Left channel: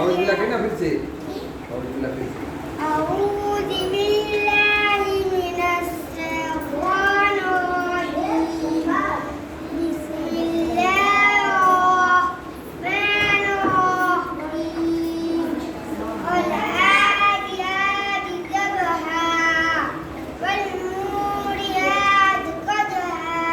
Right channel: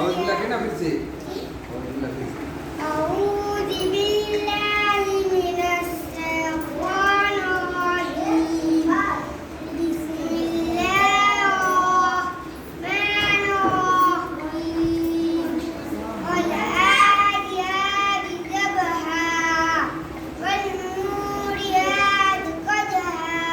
أعوذ بالله كنا फिर से أعوذ بالله फिर से أعوذ بالله من الشيطان الرجيم بسم الله الرحمن الرحيم والعاديات ضبحا والموريات قدحا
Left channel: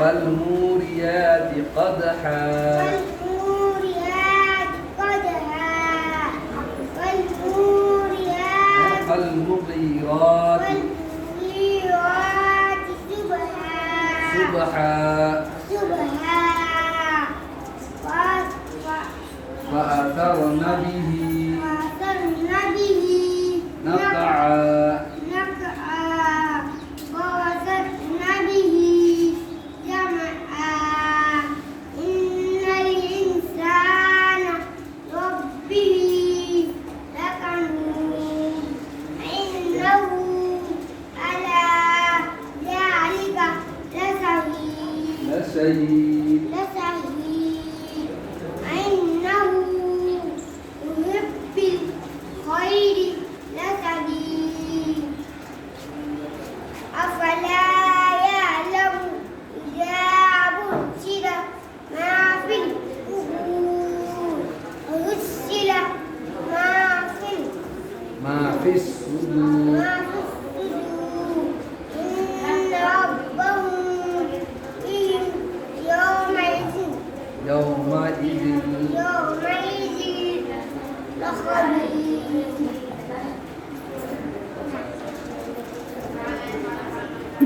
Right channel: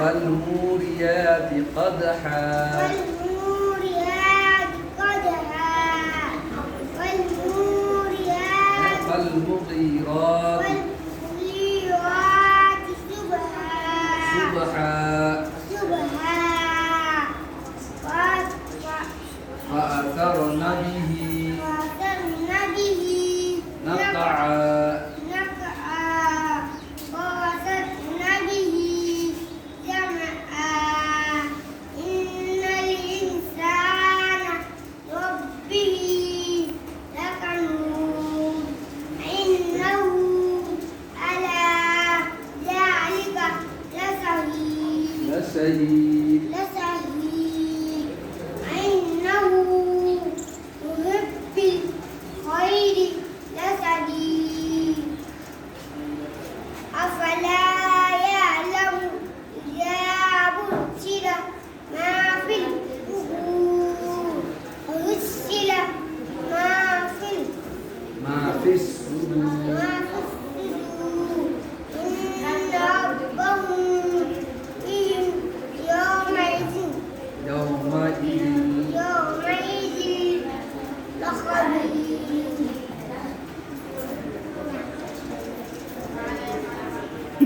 فالموريات قدحا والموريات قدحا والموريات فالمغيرات والمغيرات صبحا صبحا فأثرن به وأثرن به نقعا نقعا ووسطن به جمعا إن الإنسان ربه لكنود إنه على ذلك لشهيد لشهيد